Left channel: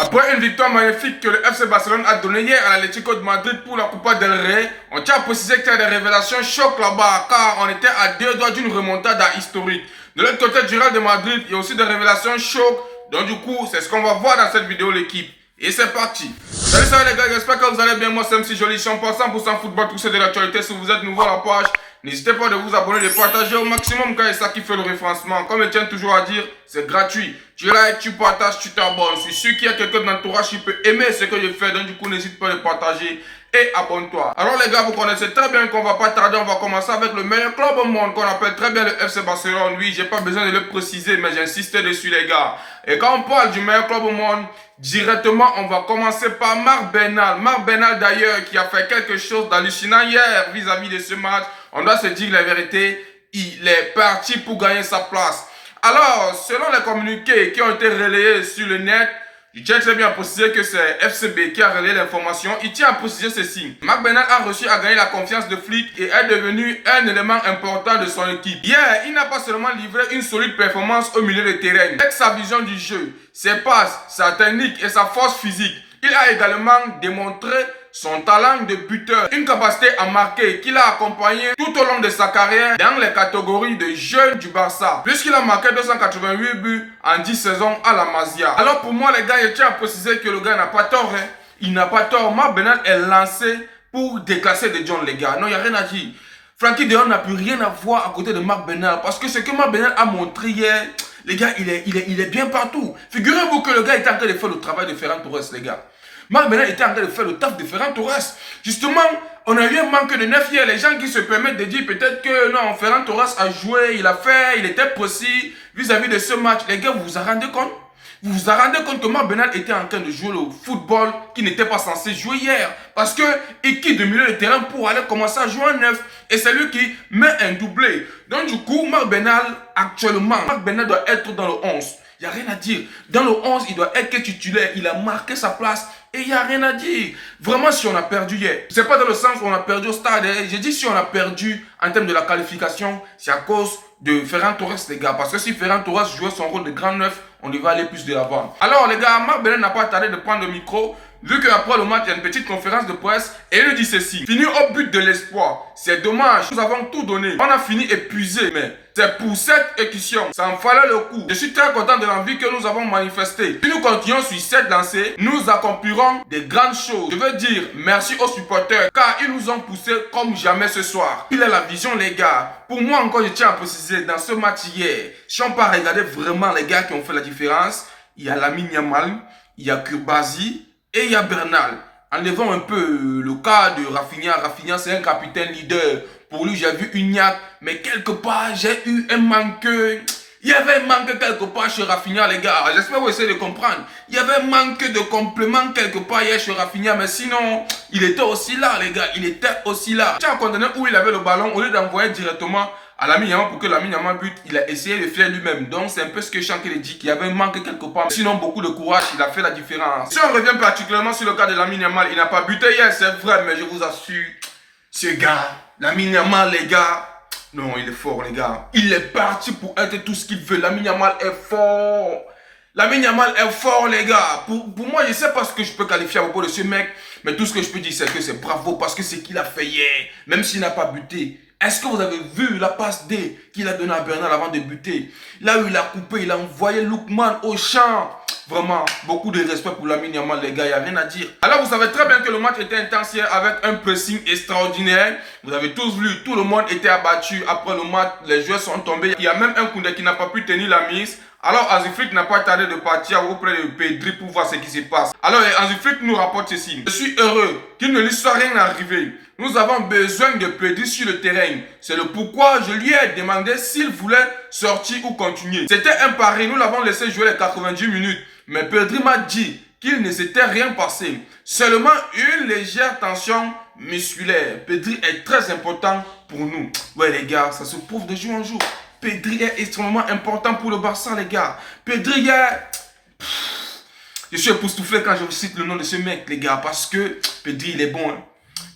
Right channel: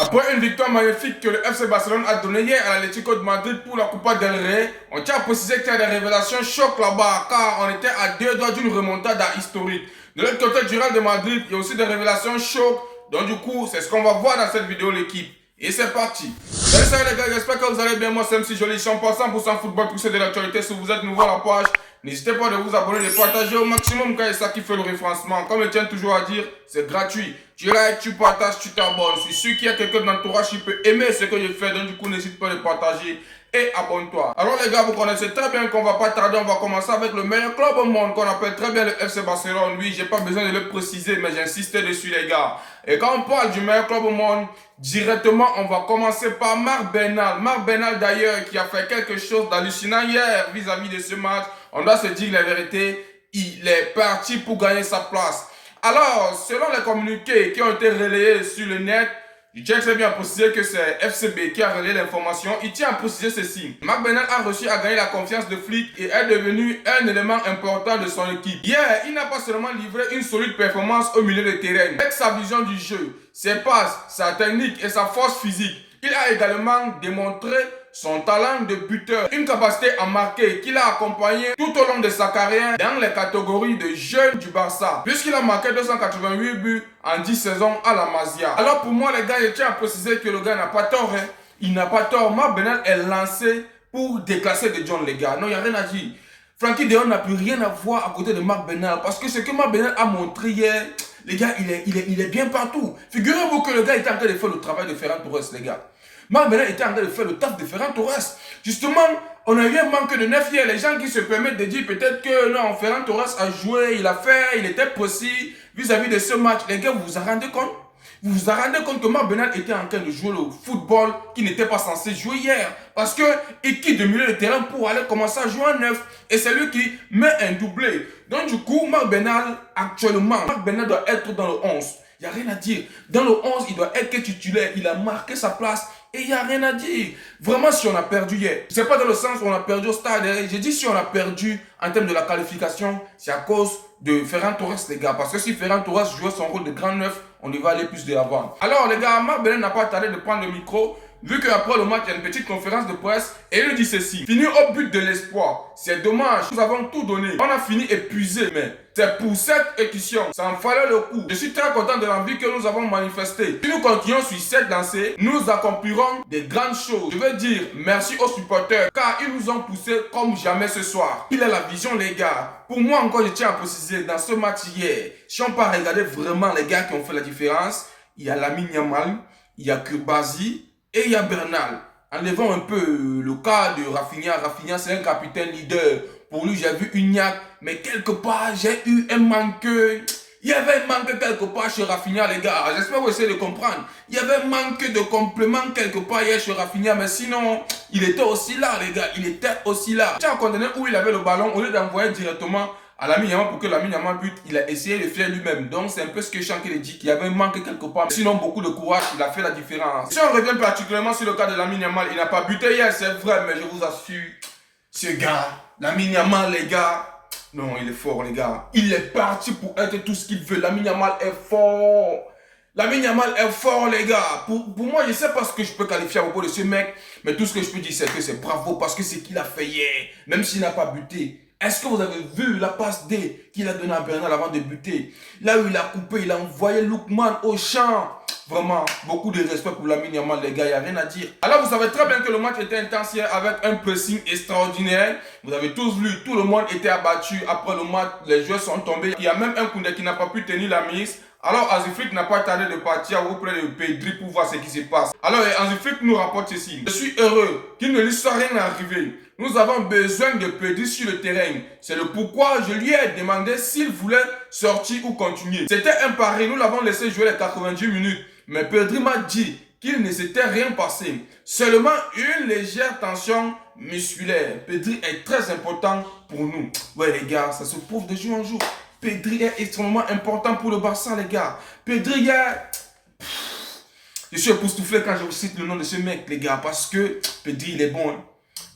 Après une victoire magnifique que le FC Barcelone a donnée hier à l'Atlético de Madrid pour la Copa del Rey, on tient à préciser qu'il y a des révélations chocs là-bas car on était à 2 doigts d'une remontada historique. De l'autre côté du Real de Madrid, il y a aussi des révélations chocs. Donc du coup, c'est ce qu'on va voir dans cette vidéo l'équipe. Et c'est parti. Salut les gars, j'espère que vous allez bien. Moi c'est MC Joli, je suis en 100% football, tout c'est de l'actualité. Si vous êtes nouveau à la page, n'hésitez pas de vous abonner, de partager au maximum car c'est ça qui fait le référencement. Comme je tiens toujours à dire, c'est gratuit. Tu likes, tu partages, tu t'abonnes. Je suis sûr qu'il y a quelqu'un dans l'entourage qui peut aimer ce que je fais. Donc du coup, n'hésite pas à le partager et abonne-toi. Alors les gars, vous connaissez très bien qu'on va pas tarder. On va commencer avec le meilleur club au monde qu'on appelle très bien le FC Barcelone. Oui, j'ai pas besoin de le préciser, mais j'insiste dessus les gars. Et quand on parle du meilleur club au monde, directement, on va commencer par Marc Bernal. Marc Bernal d'ailleurs qui a fait quelque chose d'hallucinant hier vis-à-vis de ce match. On doit se dire la vérité, il est parti pour gagner sa place. Alors, selon les communiqués qui ont été relayés sur le net, je tiens très bien à préciser que c'est FCB qui a relayé l'information. Il tient à préciser ceci. Marc Bernal a réussi à gagner la confiance de Flick et est devenu un élément important de son équipe. Hier, il n'a pas seulement livré une solide performance au milieu de terrain. Avec sa vision du jeu, ses passes, sa technique et sa force physique, il a également démontré son talent de buteur, une capacité à marquer qu'il a accompagné tout au long de sa carrière dans les catégories de jeunes du Barça, puisqu'il a marqué 288 buts en 10 saisons à la Masia. Alors pour moi les gars, je tiens à préciser que le gars n'a pas tort, hein. Il n'a pas tort. Marc Bernal est lancé pour déclasser De Jong les gars. Non, il n'y a rien à dire. Frenkie de Jong n'a plus rien à voir à côté de Marc Bernal, parce que ce que Marc Bernal a montré hier, les gars, il est bien partout. Figurez-vous que le gars était en train de faire le travail de Ferran Torres les gars. Marc Bernal était en train de faire le taf de Ferran Torres. Justement, on a eu un manque de neuf hier. Les gens qui se permettent de dire peut-être que non, Ferran Torres a joué, il a fait, il était précis vis-à-vis de ce match. Les gars, vous vous en rendez compte? Vous vous en rendez compte que Marc Bernal était en train de jouer le football qu'il n'était pas censé jouer hier. Parce qu'il quitte de milieu de terrain pour aller commencer à jouer en neuf. Et c'est lui qui met un doublé. Donc du coup, Marc Bernal, actuellement, Marc Bernal doit être dans le 11. Il n'y a rien à dire. Dans le 11, il doit être titulaire. Il a marqué sa place. Et il n'y a rien à dire. Vraiment, si on a perdu hier, c'est pas dans le sens où on a perdu au stade. J'ai dit si on a perdu en termes de la qualification, c'est à cause de Ferran Torres, les gars. Parce que si Ferran Torres jouait son rôle de grand neuf, on y va aller plus de l'avant. Alors, les gars, Marc Bernal n'a pas tardé de prendre le micro. Vu qu'après le match, il y a une petite conférence de presse et il nous dit ceci. Fini au but de l'espoir. C'est dommage. Nous avons tout donné. On a fini épuisé. Mais c'est pour cette édition. Ça en fallait le coup. Je suis très content de l'envie que nous avons manifestée. Si nous continuons sur cette lancée, nous accomplirons des grandes choses. Je veux dire merci aux supporters car ils nous ont poussés comme jamais ce soir. Il a la vision, les gars. Pour moi encore, je tiens à préciser, dans ce match hier, si on peut regarder vraiment les gars qui ont fait la différence, il y a Lamine Yamal, il y a Kurbasi, et il y a Bernal. Enlevons un peu le cas de Rafinha. Rafinha, c'est un capitaine leader. Pour lui, j'ai vu une niaque. Mais quelque part, j'ai eu un manque. Il y avait un manque quelque part chez Rafinha, les gars. J'espère que vous essayez de comprendre. Il y avait un manque de complément quelque part hier chez Rafinha. Mais sinon, il était aussi là, les gars. Il était aussi là. Tiens, condamné où il avait le ballon, au lieu d'envoyer directement à Lamine Yamal pour que Lamine Yamal bute, il a essayé de faire lui-même. Donc c'est un peu ce que Shankly dit, qu'il y avait un manque quelque part. Sinon, beaucoup de courage, il a fait la différence. Si on revient particulièrement sur le cas de Lamine Yamal, il n'a pas buté hier, c'est vrai, mais je vous assure, ce gars, Lamine Yamal, les gars, non, il est fort, les gars. Il est parti pour être tout ce qu'il veut. Lamine Yamal est fort. Lamine Yamal est fort, les gars. Pour moi, je ne sais pas ce que je peux qualifier à propos de ce mec, mais tout ce que je peux dire, c'est que c'est bravo parce que c'est qu'il a fait hier, même s'il n'a pas buté. Est-ce que vous avez vu la passe D qu'il a donnée à Bernal avant de buter? Là où il a coupé, il a envoyé Lookman au champ. Vraiment, beaucoup de respect pour Lamine Yamal, les gars, il n'y a rien à dire. Alors, vous savez très bien que le match était intense hier avec un pressing extraordinaire. Vous avez tous vu, tout le monde était abattu. Après le match, les joueurs sont tombés. Il y a même un Koundé qui n'a pas pu tenir la mise. Alors, Hansi Flick n'a pas tardé de partir auprès de Pedri pour voir ce qui se passe. Alors, Hansi Flick nous rapporte ceci. Je suis heureux qu'il ne lui soit rien arrivé. Nous avons besoin de Pedri sur le terrain. C'est le pourquoi je lui ai demandé s'il voulait sortir ou continuer. C'était un pari. Nous l'avons laissé jouer les 90 minutes. Mais Pedri m'a dit qu'il ne s'était rien passé. Seulement une légère tension musculaire. Pedri est très important pour nous. Ouais, les gars, ça se prouve de jour en jour. Pedri est extrêmement important pour le Barça, les gars. Pedri est... Je suis époustouflé quand je cite le nom de ce mec, les gars, parce que Pedri, il est bon. Hein.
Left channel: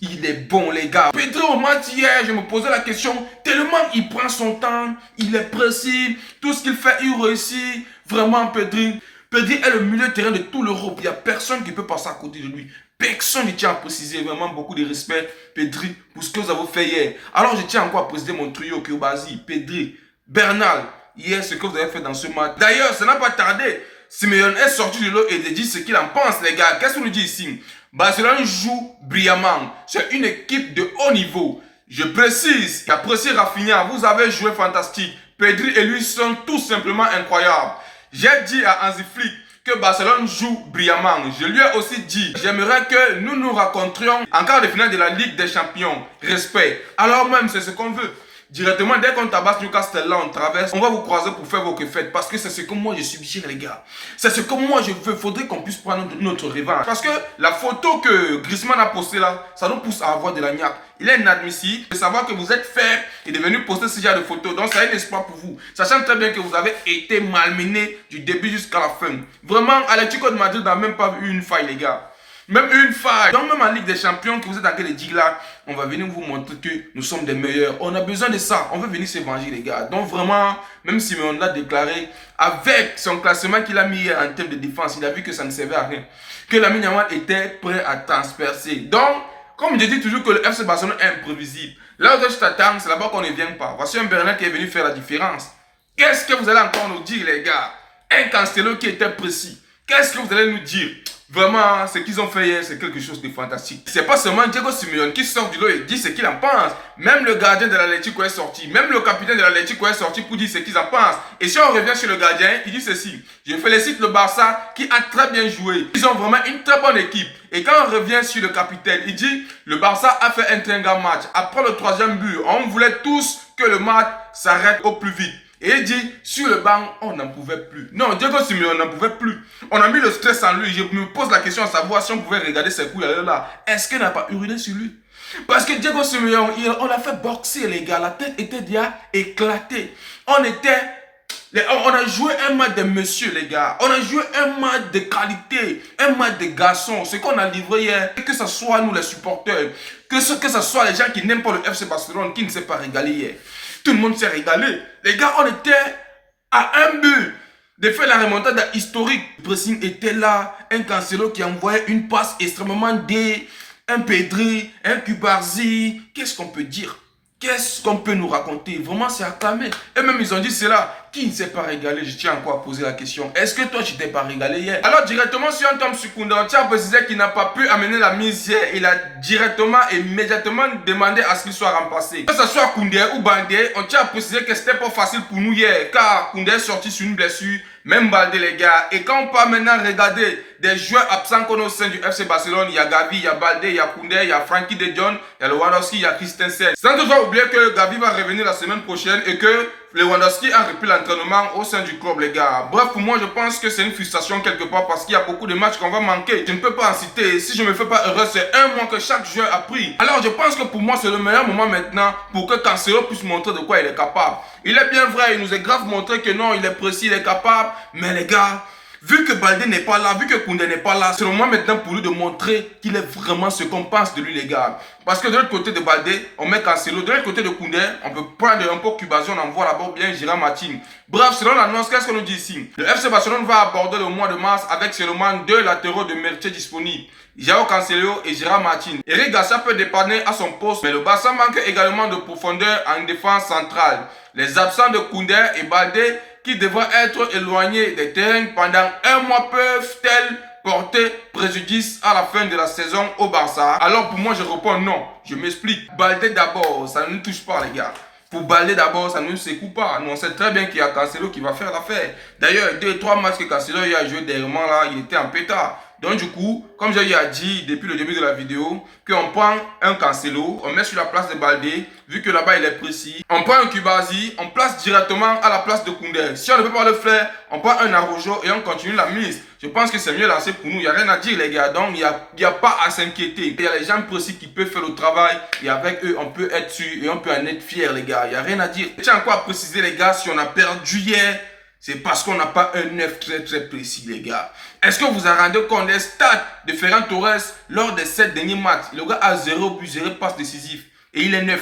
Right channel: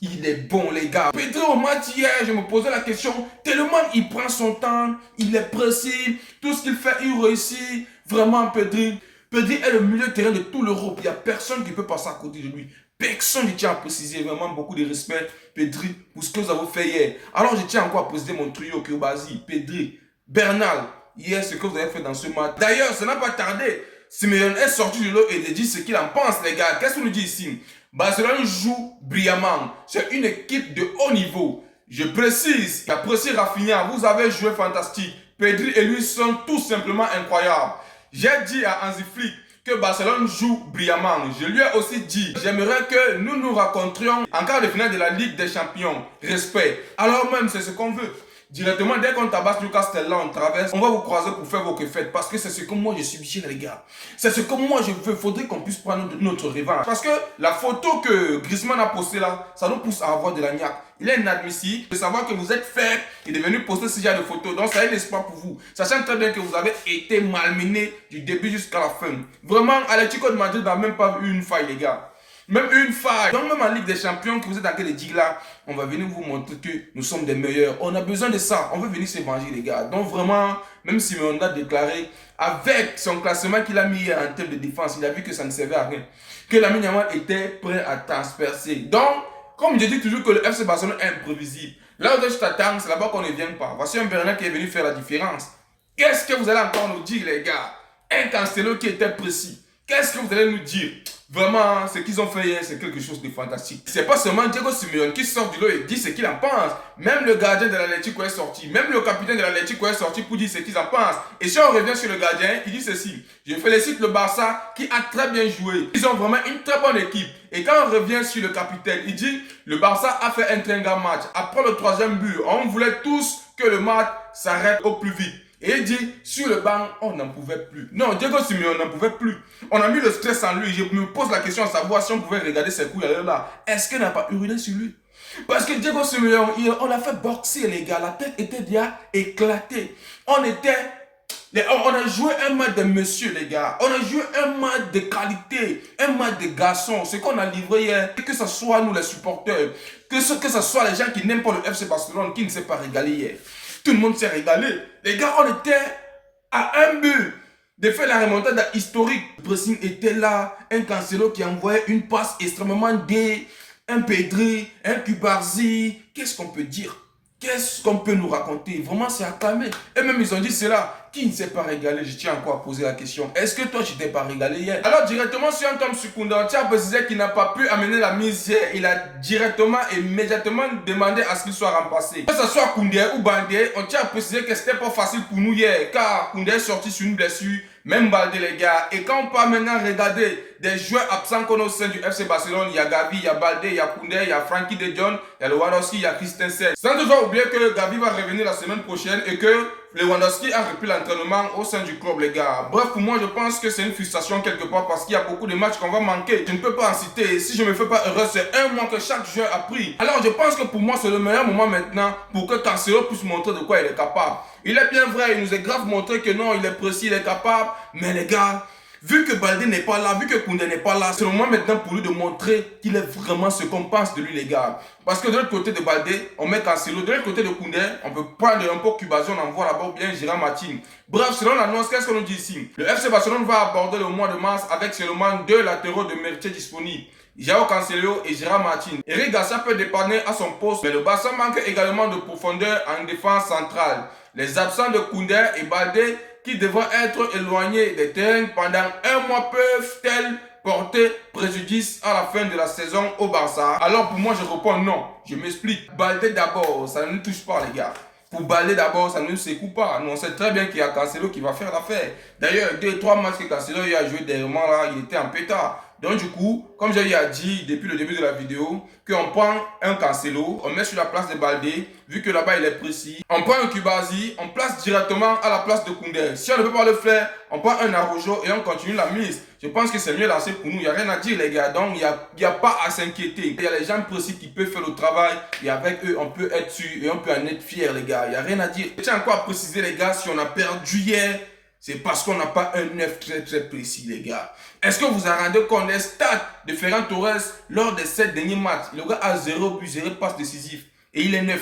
Il est bon, les gars. Pedri, au match hier, je me posais la question, tellement il prend son temps, il est précis, tout ce qu'il fait, il réussit. Vraiment, Pedri, Pedri est le milieu de terrain de tout l'Europe. Il n'y a personne qui peut passer à côté de lui. Personne ne tient à préciser. Vraiment beaucoup de respect, Pedri, pour ce que vous avez fait hier. Alors, je tiens encore à préciser mon trio, Koulibaly, Pedri, Bernal. Hier, ce que vous avez fait dans ce match. D'ailleurs, ça n'a pas tardé. Simeone est sorti de l'eau et de dire ce qu'il en pense, les gars. Qu'est-ce qu'on nous dit ici? Barcelone joue brillamment. C'est une équipe de haut niveau. Je précise qu'après Rafinha, vous avez joué fantastique. Pedri et lui sont tout simplement incroyables. J'ai dit à Hansi Flick que Barcelone joue brillamment. Je lui ai aussi dit, j'aimerais que nous nous rencontrions en quart de finale de la Ligue des Champions. Respect. Alors même, c'est ce qu'on veut. Directement, dès qu'on tabasse Newcastle, là, on traverse, on va vous croiser pour faire vos fêtes. Parce que c'est ce que moi je suggère, les gars. C'est ce que moi je veux. Faudrait qu'on puisse prendre notre revanche. Parce que la photo que Griezmann a postée là, ça nous pousse à avoir de la niaque. Il est inadmissible de savoir que vous êtes faible et de venir poster ce genre de photos. Donc, ça a un espoir pour vous. Sachant très bien que vous avez été malmené du début jusqu'à la fin. Vraiment, Atlético de Madrid n'a même pas eu une faille, les gars. Même une faille. Donc même en Ligue des Champions, que vous êtes dans quel digue là, on va venir vous montrer que nous sommes des meilleurs. On a besoin de ça. On veut venir se venger, les gars. Donc vraiment, même si on l'a déclaré, avec son classement qu'il a mis en termes de défense, il a vu que ça ne servait à rien. Que Lamine Yamal était prêt à transpercer. Donc, comme je dis toujours que le FC Barcelone est imprévisible. Là où je t'attends, c'est là-bas qu'on ne vient pas. Voici un Bernal qui est venu faire la différence. Qu'est-ce que vous allez encore nous dire, les gars? Un Cancelo qui était précis. Qu'est-ce que vous allez nous dire? Vraiment, ce qu'ils ont fait hier, c'est quelque chose de fantastique. C'est pas seulement Diego Simeone qui sort du lot et dit ce qu'il en pense. Même le gardien de l'Atlético est sorti. Même le capitaine de l'Atlético est sorti pour dire ce qu'ils en pensent. Et si on revient sur le gardien, il dit ceci. Je félicite le Barça qui a très bien joué. Ils ont vraiment une très bonne équipe. Et quand on revient sur le capitaine, il dit le Barça a fait un très grand match. Après le 3e but, on voulait tous que le match s'arrête au plus vite. Et il dit, sur le banc, on n'en pouvait plus. Non, Diego Simeone n'en pouvait plus. On a mis le stress en lui. Je me pose la question à savoir si on pouvait regarder ses couilles là. Est-ce qu'il n'a pas uriné sur lui? Parce que Diego Simeone, on l'a fait boxer, les gars. La tête était déjà éclatée. On a joué un match de monsieur, les gars. On a joué un match de qualité, un match de garçon. Ce qu'on a livré hier, que ce soit nous les supporters, que ce soit les gens qui n'aiment pas le FC Barcelone, qui ne s'est pas régalé hier. Tout le monde s'est régalé. Les gars, on était à un but de faire la remontada historique. Le pressing était là. Un Cancelo qui envoyait une passe extrêmement dé. Un Pedri, un Koulibaly. Qu'est-ce qu'on peut dire? Qu'est-ce qu'on peut nous raconter? Vraiment, c'est acclamé. Et même, ils ont dit cela. Qui ne s'est pas régalé? Je tiens encore à poser la question. Est-ce que toi, tu t'es pas régalé hier? Alors, directement, si on tombe sur Koundé, on tient à préciser qu'il n'a pas pu amener la mise hier. Il a directement, immédiatement demandé à ce qu'il soit remplacé. Que ce soit Koundé ou Baldé, on tient à préciser que c'était pas facile pour nous hier. Car Koundé est sorti sur une blessure. Même Baldé, les gars. Et quand on peut maintenant regarder des joueurs absents qu'on a au sein du FC Barcelone, il y a Gavi, il y a Baldé, il y a Koundé, il y a Frankie de Jong, il y a Lewandowski, il y a Christensen. Sans toujours oublier que Gavi va revenir la semaine prochaine et que Lewandowski a repris l'entraînement au sein du club, les gars. Bref, pour moi, je pense que c'est une frustration quelque part parce qu'il y a beaucoup de matchs qu'on va manquer. Je ne peux pas en citer. Si je me fais pas heureux, c'est un mois que chaque joueur a pris. Alors, je pense que pour moi, c'est le meilleur moment maintenant pour que Cancelo puisse montrer de quoi il est capable. Il est bien vrai, il nous est grave montré que non, il est précis, il est capable. Mais les gars, vu que Baldé n'est pas là, vu que Koundé n'est pas là, c'est le moment maintenant pour lui de montrer qu'il est vraiment ce qu'on pense de lui, les gars. Parce que de l'autre côté de Baldé, on met Cancelo. De l'autre côté de Koundé, on peut prendre un peu Koulibaly, on envoie là-bas bien Gérard Martin. Bref, selon l'annonce, qu'est-ce qu'on nous dit ici? Le FC Barcelone va aborder le mois de mars avec seulement 2 latéraux de métier disponibles. João Cancelo et Gérard Martin. Eric Garcia peut dépanner à son poste, mais le Barça manque également de profondeur en défense centrale. Les absents de Koundé et Baldé qui devraient être éloignés des terrains pendant un mois peuvent-elles porter préjudice à la fin de la saison au Barça? Alors pour moi je réponds non, je m'explique. Baldé d'abord, ça ne nous touche pas les gars. Pour Baldé d'abord, ça ne nous secoue pas. Nous on sait très bien qu'il y a Cancelo qui va faire l'affaire. D'ailleurs, 2-3 matchs que Cancelo a joué dernièrement là, il était en pétard. Donc du coup, comme j'ai dit depuis le début de la vidéo, qu'on prend un Cancelo, on met sur la place de Baldé, vu que là-bas il est précis. On prend un Koulibaly, on place directement à la place de Koundé. Si on ne peut pas le faire, on prend un Araujo et on continue la mise. Je pense que c'est mieux lancé pour nous, il n'y a rien à dire les gars. Donc il n'y a pas à s'inquiéter. Il y a les gens précis qui peuvent faire le travail et avec eux on peut être sûr et on peut en être fier les gars. Il n'y a rien à dire. Je tiens encore à préciser les gars, si on a perdu hier, c'est parce qu'on n'a pas un 9 très précis, les gars. Est-ce que vous avez rendu compte des stats de Ferran Torres lors des 7 derniers matchs? Le gars a 0 but, 0 passe décisif. Et il est 9.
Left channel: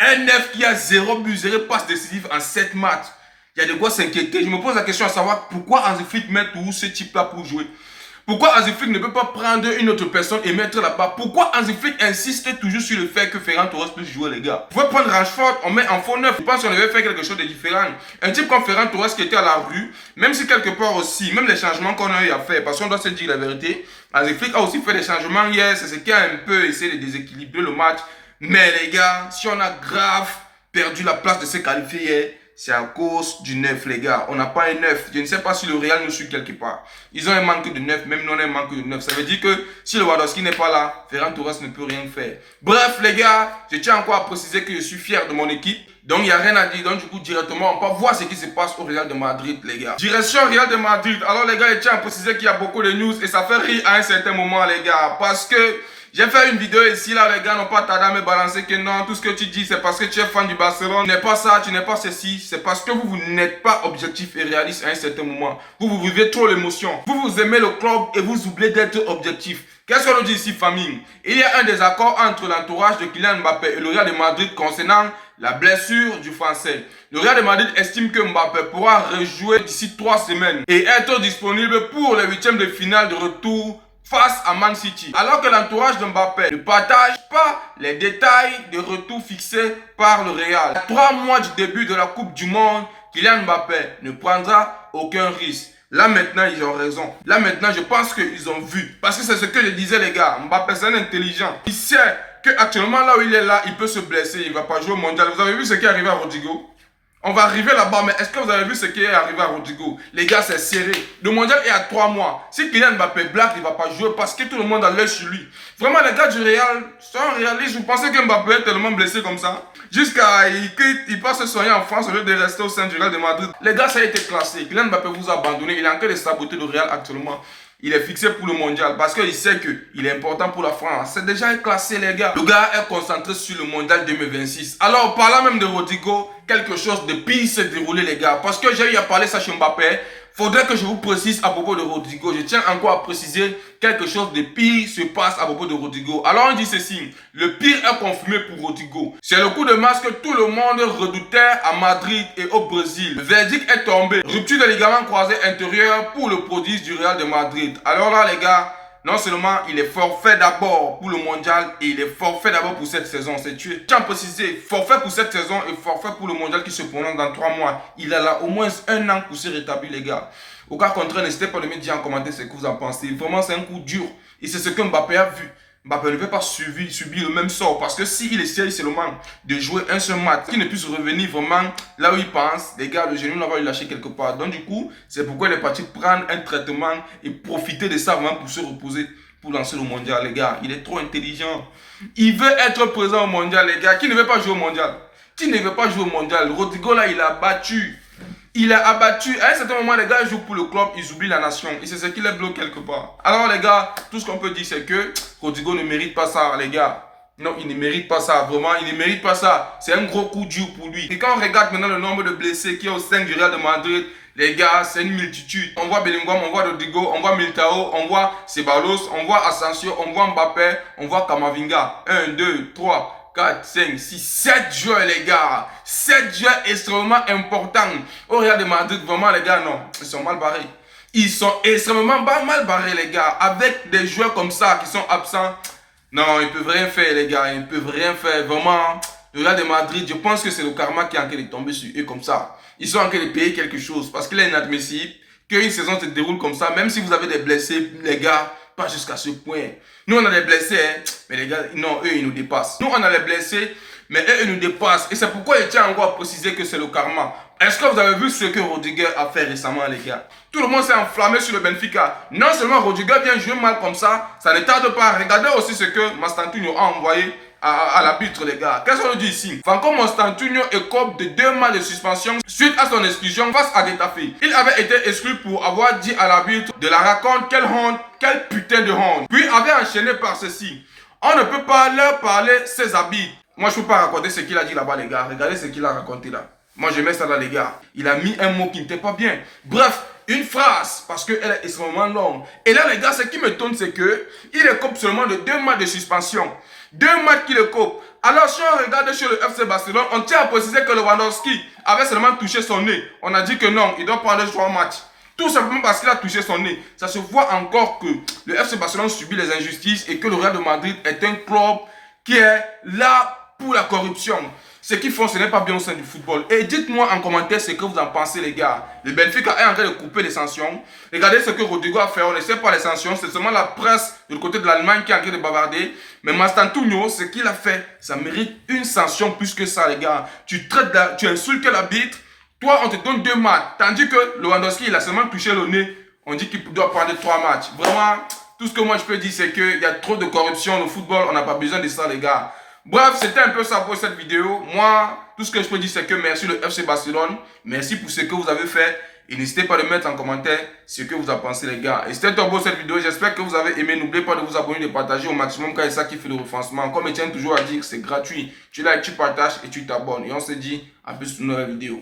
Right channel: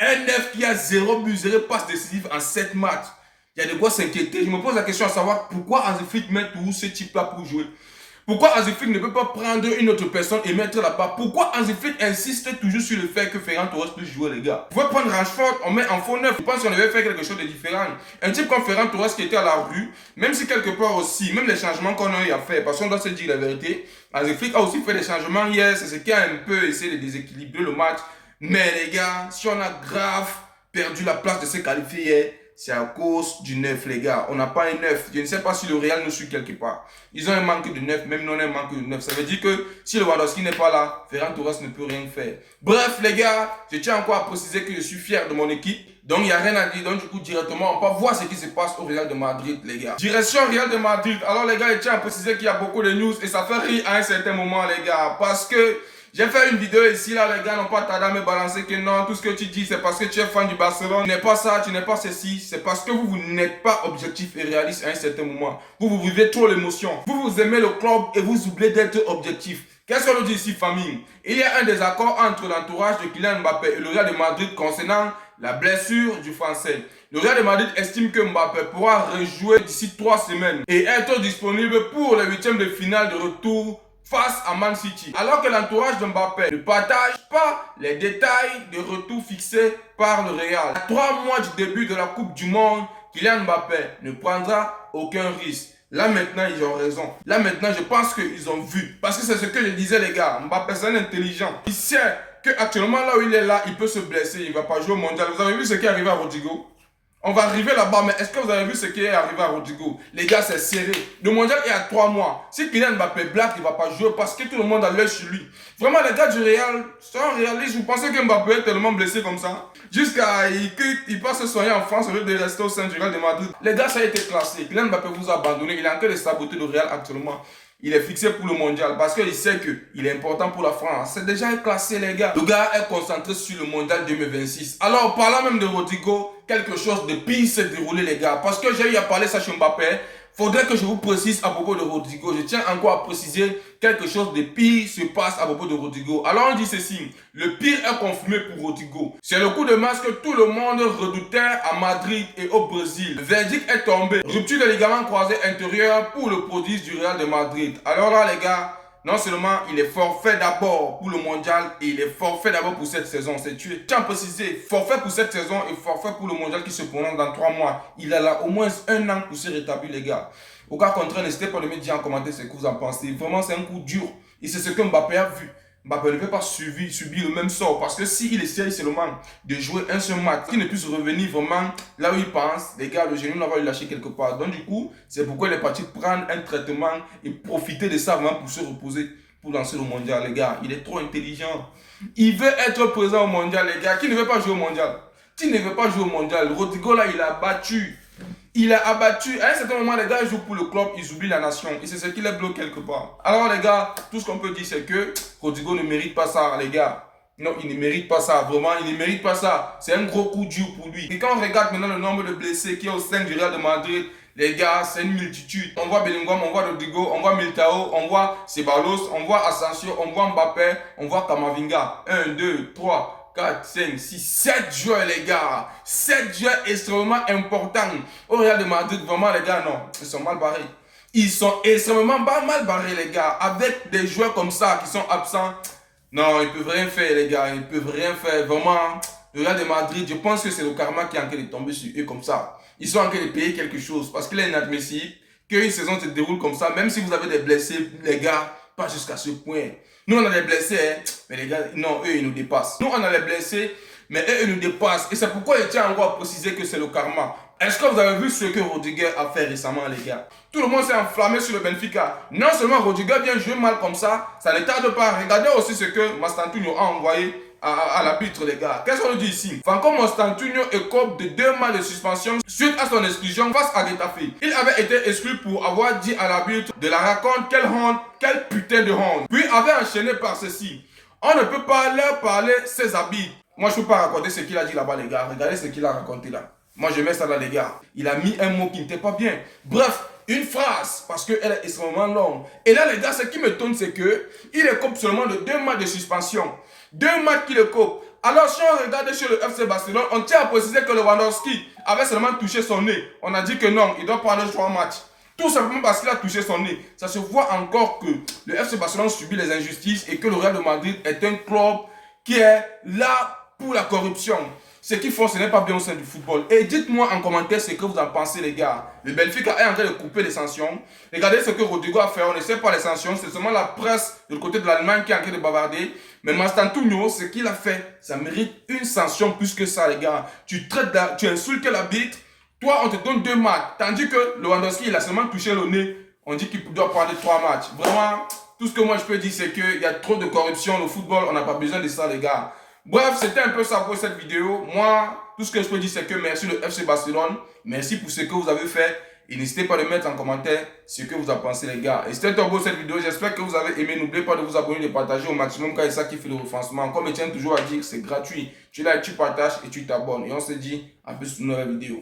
Un 9 qui a 0 but, 0 passe décisif en 7 matchs. Il y a de quoi s'inquiéter. Je me pose la question à savoir pourquoi Hansi Flick met tout ce type-là pour jouer. Pourquoi Hansi Flick ne peut pas prendre une autre personne et mettre là-bas? Pourquoi Hansi Flick insiste toujours sur le fait que Ferran Torres peut jouer, les gars? Vous pouvez prendre Rashford, on met en faux neuf. Je pense qu'on devait faire quelque chose de différent. Un type comme Ferran Torres qui était à la rue, même si quelque part aussi, même les changements qu'on a eu à faire, parce qu'on doit se dire la vérité, Hansi Flick a aussi fait des changements hier, c'est ce qui a un peu essayé de déséquilibrer le match. Mais les gars, si on a grave perdu la place de se qualifier hier, c'est à cause du neuf, les gars. On n'a pas un neuf. Je ne sais pas si le Real nous suit quelque part. Ils ont un manque de neuf, même nous on a un manque de neuf. Ça veut dire que si le Lewandowski n'est pas là, Ferran Torres ne peut rien faire. Bref, les gars, je tiens encore à préciser que je suis fier de mon équipe. Donc, il n'y a rien à dire. Donc, du coup, directement, on peut voir ce qui se passe au Real de Madrid, les gars. Direction Real de Madrid. Alors, les gars, je tiens à préciser qu'il y a beaucoup de news et ça fait rire à un certain moment, les gars. Parce que j'ai fait une vidéo ici, là, les gars n'ont pas tardé à me balancer que non, tout ce que tu dis, c'est parce que tu es fan du Barcelone. Tu n'es pas ça, tu n'es pas ceci. C'est parce que vous n'êtes pas objectif et réaliste à un certain moment. Vous vivez trop l'émotion. Vous aimez le club et vous oubliez d'être objectif. Qu'est-ce qu'on nous dit ici, famille? Il y a un désaccord entre l'entourage de Kylian Mbappé et le Real de Madrid concernant la blessure du Français. Le Real de Madrid estime que Mbappé pourra rejouer d'ici 3 semaines et être disponible pour les 8e de finale de retour face à Man City. Alors que l'entourage de Mbappé ne partage pas les détails de retour fixés par le Real. À 3 mois du début de la Coupe du Monde, Kylian Mbappé ne prendra aucun risque. Là maintenant, ils ont raison. Là maintenant, je pense qu'ils ont vu. Parce que c'est ce que je disais, les gars. Mbappé, c'est un intelligent. Il sait qu'actuellement, là où il est là, il peut se blesser. Il ne va pas jouer au mondial. Vous avez vu ce qui est arrivé à Rodrigo? On va arriver là-bas, mais est-ce que vous avez vu ce qui est arrivé à Rodrigo? Les gars, c'est serré. Le mondial est à 3 mois. Si Kylian Mbappé blague, il ne va pas jouer parce que tout le monde a l'œil sur lui. Vraiment, les gars du Real sont réalistes. Vous pensez que Mbappé est tellement blessé comme ça? Jusqu'à il passe se soigner en France au lieu de rester au sein du Real de Madrid. Les gars, ça a été classé. Kylian Mbappé vous a abandonné. Il est en train de saboter le Real actuellement. Il est fixé pour le mondial parce qu'il sait qu'il est important pour la France. C'est déjà classé, les gars. Le gars est concentré sur le mondial 2026. Alors, parlant même de Rodrigo, quelque chose de pire s'est déroulé, les gars. Parce que j'ai eu à parler ça chez Mbappé. Faudrait que je vous précise à propos de Rodrigo. Je tiens encore à préciser quelque chose de pire se passe à propos de Rodrigo. Alors on dit ceci, le pire est confirmé pour Rodrigo. C'est le coup de masse que tout le monde redoutait à Madrid et au Brésil. Le verdict est tombé. Rupture des ligaments croisés intérieurs pour le prodige du Real de Madrid. Alors là les gars, non seulement il est forfait d'abord pour le mondial et il est forfait d'abord pour cette saison, c'est tué. Tiens, préciser, forfait pour cette saison et forfait pour le mondial qui se prononce dans 3 mois. Il a là au moins 1 an pour se rétablir, les gars. Au cas contraire, n'hésitez pas à me dire en commentaire ce que vous en pensez. Vraiment, c'est un coup dur. Et c'est ce que Mbappé a vu. Mbappé ne peut pas subir le même sort parce que s'il essaye seulement de jouer un seul match, qu'il ne puisse revenir vraiment là où il pense, les gars, le genou va le lâcher quelque part. Donc du coup, c'est pourquoi il est parti prendre un traitement et profiter de ça vraiment pour se reposer, pour lancer le mondial, les gars. Il est trop intelligent. Il veut être présent au mondial, les gars. Qui ne veut pas jouer au mondial? Qui ne veut pas jouer au mondial? Rodrigo là, il a battu. Il a abattu. À un certain moment, les gars jouent pour le club, ils oublient la nation. Et c'est ce qui les bloque quelque part. Alors, les gars, tout ce qu'on peut dire, c'est que Rodrigo ne mérite pas ça, les gars. Non, il ne mérite pas ça. Vraiment, il ne mérite pas ça. C'est un gros coup dur pour lui. Et quand on regarde maintenant le nombre de blessés qu'il y a au sein du Real de Madrid, les gars, c'est une multitude. On voit Bellingham, on voit Rodrigo, on voit Militao, on voit Ceballos, on voit Asensio, on voit Mbappé, on voit Camavinga. 1, 2, 3. 4, 5, 6, 7 joueurs, les gars. 7 joueurs extrêmement importants. Au Real de Madrid, vraiment, les gars, non. Ils sont mal barrés. Ils sont extrêmement mal barrés, les gars. Avec des joueurs comme ça qui sont absents. Non, ils ne peuvent rien faire, les gars. Ils ne peuvent rien faire. Vraiment, le Real de Madrid, je pense que c'est le karma qui est en train de tomber sur eux comme ça. Ils sont en train de payer quelque chose. Parce qu'il est inadmissible qu'une saison se déroule comme ça. Même si vous avez des blessés, les gars, pas jusqu'à ce point. Nous, on a des blessés, hein, mais les gars, non, eux, ils nous dépassent. Nous, on a les blessés, mais eux, ils nous dépassent. Et c'est pourquoi je tiens encore à préciser que c'est le karma. Est-ce que vous avez vu ce que Rodrigo a fait récemment, les gars? Tout le monde s'est enflammé sur le Benfica. Non seulement Rodrigo vient jouer mal comme ça ne tarde pas. Regardez aussi ce que Mastantuono a envoyé à l'arbitre, les gars. Qu'est-ce qu'on nous dit ici? Franco Mastantuono écope de 2 mois de suspension suite à son exclusion face à Getafe. Il avait été exclu pour avoir dit à l'arbitre de la raconte quelle honte, quelle putain de honte. Puis avait enchaîné par ceci. On ne peut pas leur parler ses habits. Moi, je ne peux pas raconter ce qu'il a dit là-bas, les gars. Regardez ce qu'il a raconté là. Moi, je mets ça là, les gars. Il a mis un mot qui n'était pas bien. Bref, une phrase parce qu'elle est extrêmement longue. Et là, les gars, ce qui m'étonne, c'est que il écope seulement de 2 matchs de suspension. 2 matchs qu'il écope. Alors, si on regarde chez le FC Barcelone, on tient à préciser que Lewandowski avait seulement touché son nez. On a dit que non, il doit prendre 3 matchs. Tout simplement parce qu'il a touché son nez. Ça se voit encore que le FC Barcelone subit les injustices et que le Real de Madrid est un club qui est là pour la corruption. Ce qu'ils font, ce n'est pas bien au sein du football. Et dites-moi en commentaire ce que vous en pensez, les gars. Le Benfica est en train de couper les sanctions. Regardez ce que Rodrigo a fait. On ne sait pas les sanctions. C'est seulement la presse du côté de l'Allemagne qui est en train de bavarder. Mais Mastantuono, ce qu'il a fait, ça mérite une sanction plus que ça, les gars. Tu insultes l'arbitre. Toi, on te donne 2 matchs. Tandis que Lewandowski, il a seulement touché le nez. On dit qu'il doit prendre 3 matchs. Vraiment, tout ce que moi je peux dire, c'est qu'il y a trop de corruption au football. On n'a pas besoin de ça, les gars. Bref, c'était un peu ça pour cette vidéo. Moi, tout ce que je peux dire, c'est que merci le FC Barcelone. Merci pour ce que vous avez fait. Et n'hésitez pas à mettre en commentaire ce que vous en pensez, les gars. Et c'était un beau cette vidéo. J'espère que vous avez aimé. N'oubliez pas de vous abonner, de partager au maximum car c'est ça qui fait le référencement. Comme je tiens toujours à dire, c'est gratuit. Tu likes, tu partages et tu t'abonnes. Et on se dit à plus pour une nouvelle vidéo.